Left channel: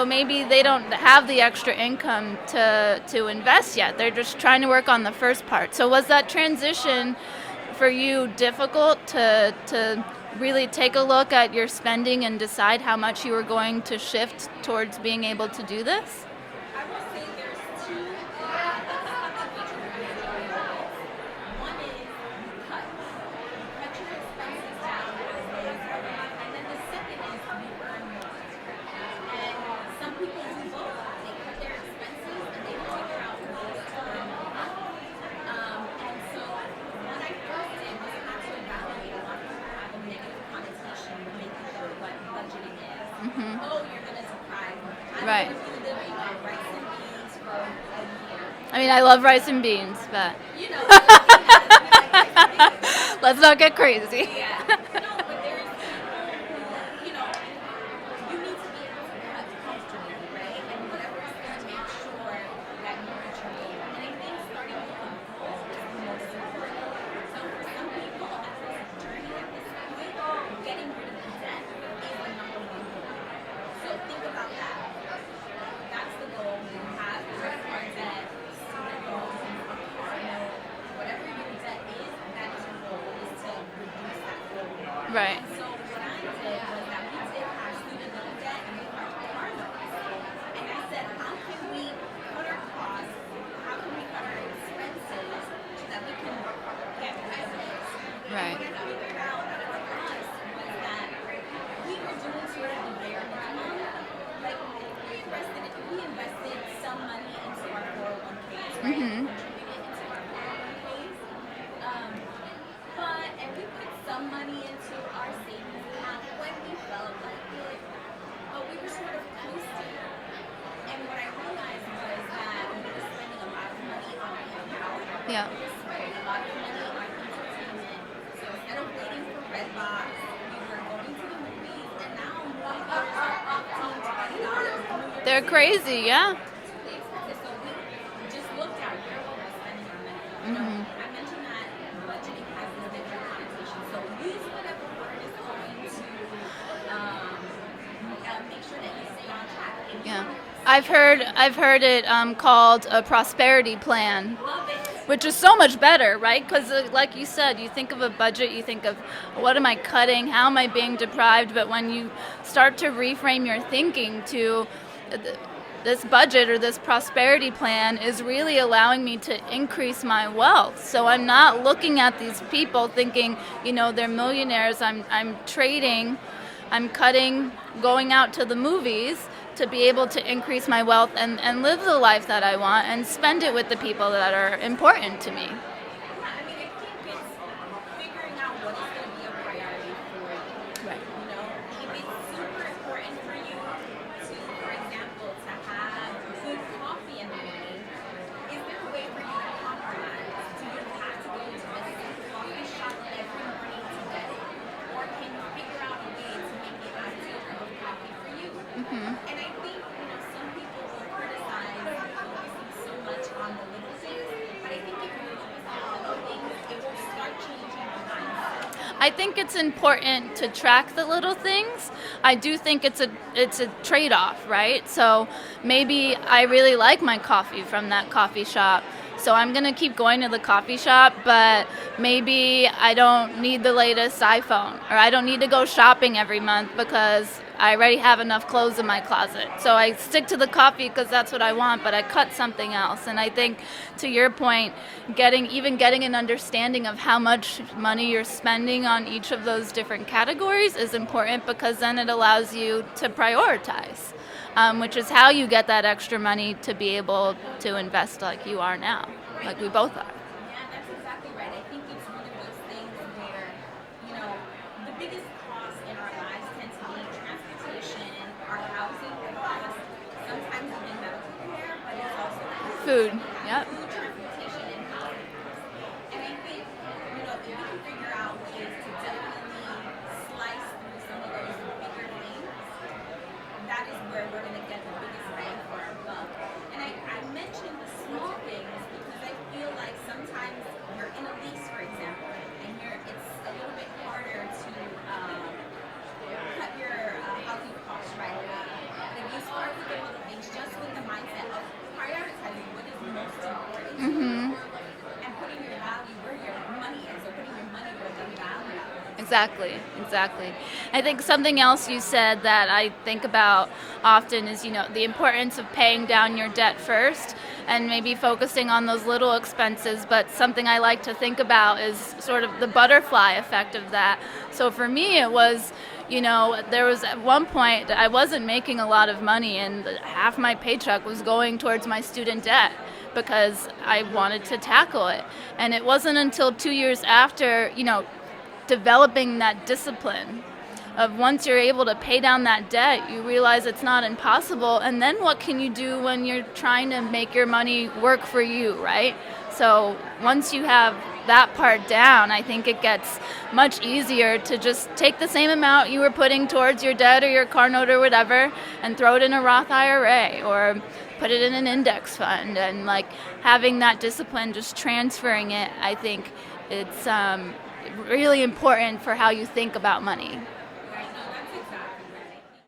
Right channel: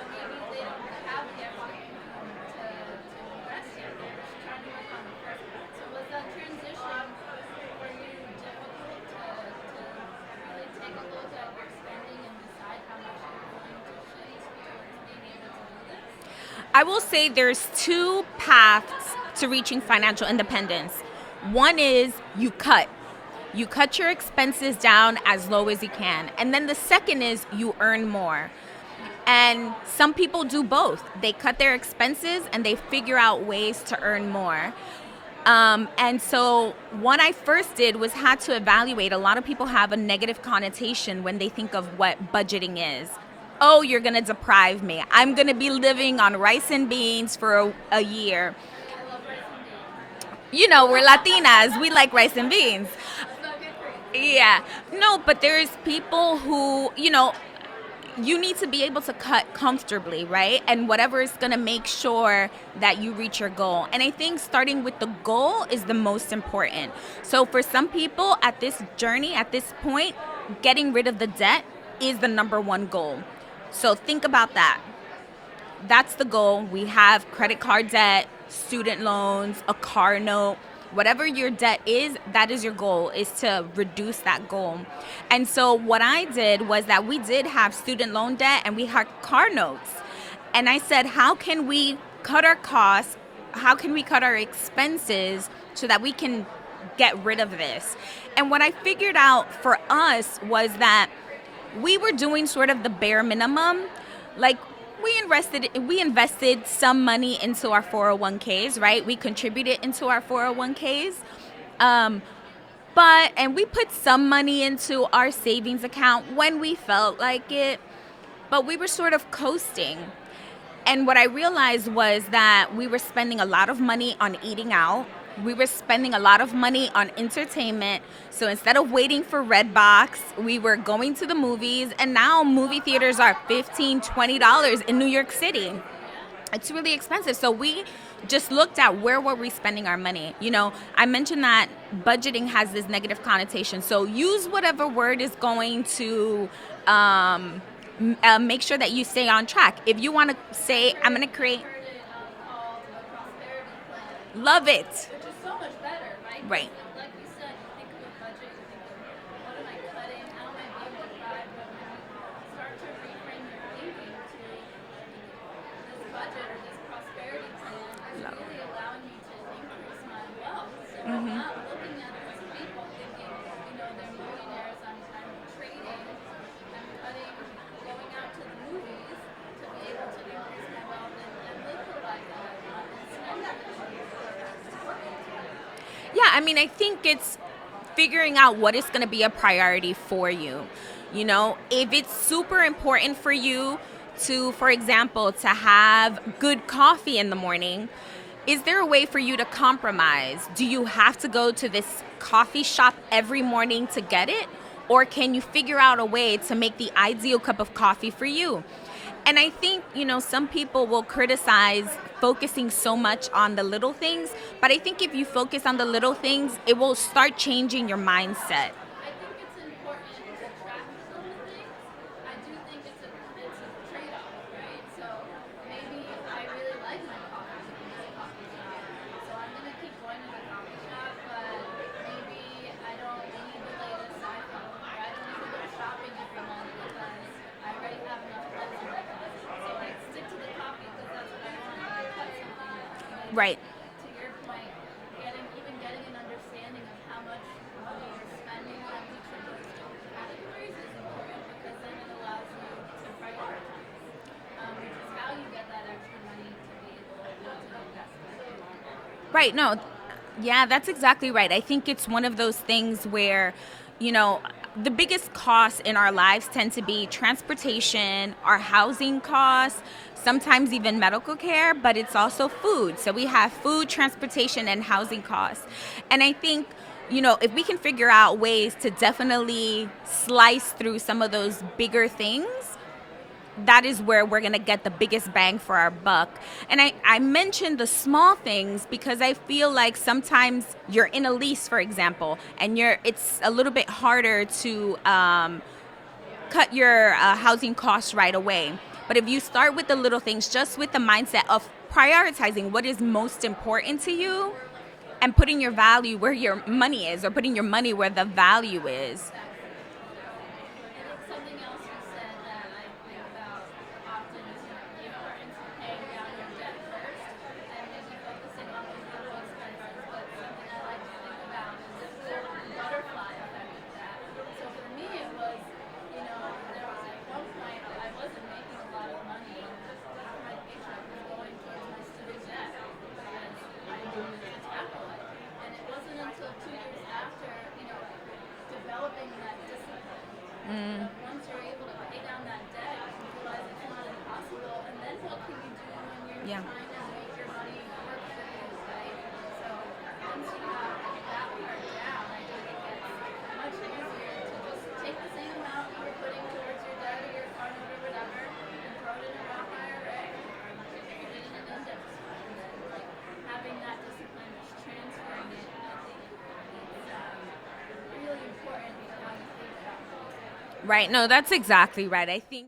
So maybe they don't have the extra income to invest yet. They're just trying to work on the first part. So was that transition for you difficult to really take a look at your spending and decide how much you were going to shift towards being able to do this? I will say there's two paths to reaching financial independence. One is you cut. You cut your expenses down as low as you can. And then the second is you earn more. And some people do both. They cut their expenses and they figure out ways to earn more. And so what I first did was had to evaluate. A lot of people have a negative connotation when they think of what budgeting is. Mm-hmm. Oh, you're going to deprive me. I'm Right. going to be living on rice and beans for a year. I mean, I love rice and beans, but You know, we're Latinas. We like rice and beans. let's not get crazy. Yeah. No, but there's people who, you need to be able to cut comfortably, right? And whatever is going to make sure that you reach your goal. And I think starting with the goal is the most important. So for some people at this journey, at this point, getting rid of the debt is the number one goal. So think about that. That's the goal. We have credit card debt, student loans, a car note. Whatever your debt is, that is your goal, is to reduce that goal. Right. And so what I did was that we did have student loan debt and we had car notes. And I said, how can we cut our costs? How can we cut our expenses so that we can get rid of this? Right. And what I figured out for us was that we were doing sort of the bare minimum. Like, we invested some money into our 401ks, right? Mm-hmm. We contributed into our 401ks. And we put some money into our savings account when we felt like it, but we were sort of coasting. And what I realized was that we were spending a lot of money on eating out. Yeah. We were spending a lot of money on entertainment. So instead of waiting for Redbox, we were going to the movies. And now movie theaters are $15, $20 in New York City. They're crazy, yeah. It's really expensive. So we just looked at where were we spending our money. I mentioned that budgeting has this negative connotation. So use whatever word is going to make sure that you stay on track. If you want to say, I've heard it called a prosperity plan. Love it. Which is so much better, right? Because Right. like you said, you think of a budget, you think of what am I cutting, how am I being deprived, but when you start to reframe your thinking to this budget or this prosperity plan is really allowing me to increase my wealth. So I'm not looking at these people thinking, they're millionaires. I'm trading, I'm cutting, going out to the movies to be able to increase my wealth and live the life that I want and spend it with the people that are important to me. Yeah, I mean, I think it's figuring out what is going to be a priority for you. Right. If it's super important for you to, for example, to have good coffee in the morning, is there a way for you to compromise? Do you have to go to this coffee shop every morning to get it? Or can you figure out a way to make the ideal cup of coffee for you? Mm-hmm. And I think, some people will criticize focusing so much on the little things, but I think if you focus on the little things, it will start changing your mindset. I think it's important to track the little things. I do think it's a trade-off, right? So maybe I really like my coffee from that coffee shop, so I'm going to keep going to the coffee shop, but maybe I don't need the latest iPhone, or I don't need to go shopping every month because I already have enough clothes in my closet. So I stick to the coffee because that's what I want, but I cut something else. And I think, to your point, getting an understanding of how much money you're spending on each of those different categories is important, because then it allows you to prioritize. Which is how you get that extra money to be able to invest like you are now. Right, like no. we both are. Yeah, that's exactly right. I think it's one of those things where, the biggest costs in our lives tend to be transportation, our housing costs, sometimes even medical care, but it's also food. So we have food, transportation, and housing costs. And I think, if we can figure out ways to definitely slice through some of those bigger things, that is where we're going to get the biggest bang for our buck. And I mentioned the small things because I feel like sometimes you're in a lease, for example, and it's a little bit harder to cut your housing costs right away. But if you start with the little things, just with the mindset of prioritizing what is most important to you and putting your value where your money is, or putting your money where the value is. Exactly, exactly. I think something else you said that I think about often is, the importance of paying down your debt first and maybe focusing on those little expenses. But something I like to think about is sort of the butterfly effect of that. So for me, it was, there was at one point that I wasn't making a lot of money, and half my paycheck was going towards my student debt because I wanted to tackle it. And it wasn't until 2 years after, developing that discipline of once you're able to pay down that debt, you realize it's not impossible. And then what can you do when you're trying to make your money work for you, right? So once you have that part down, I think it gets much easier to just take the same amount you were putting towards your debt or your car note or whatever and throw it in a Roth IRA or put it in an index fund. And like having that discipline, just transferring it, I think it's really important for how you think about money. Right. No, that's exactly right. I think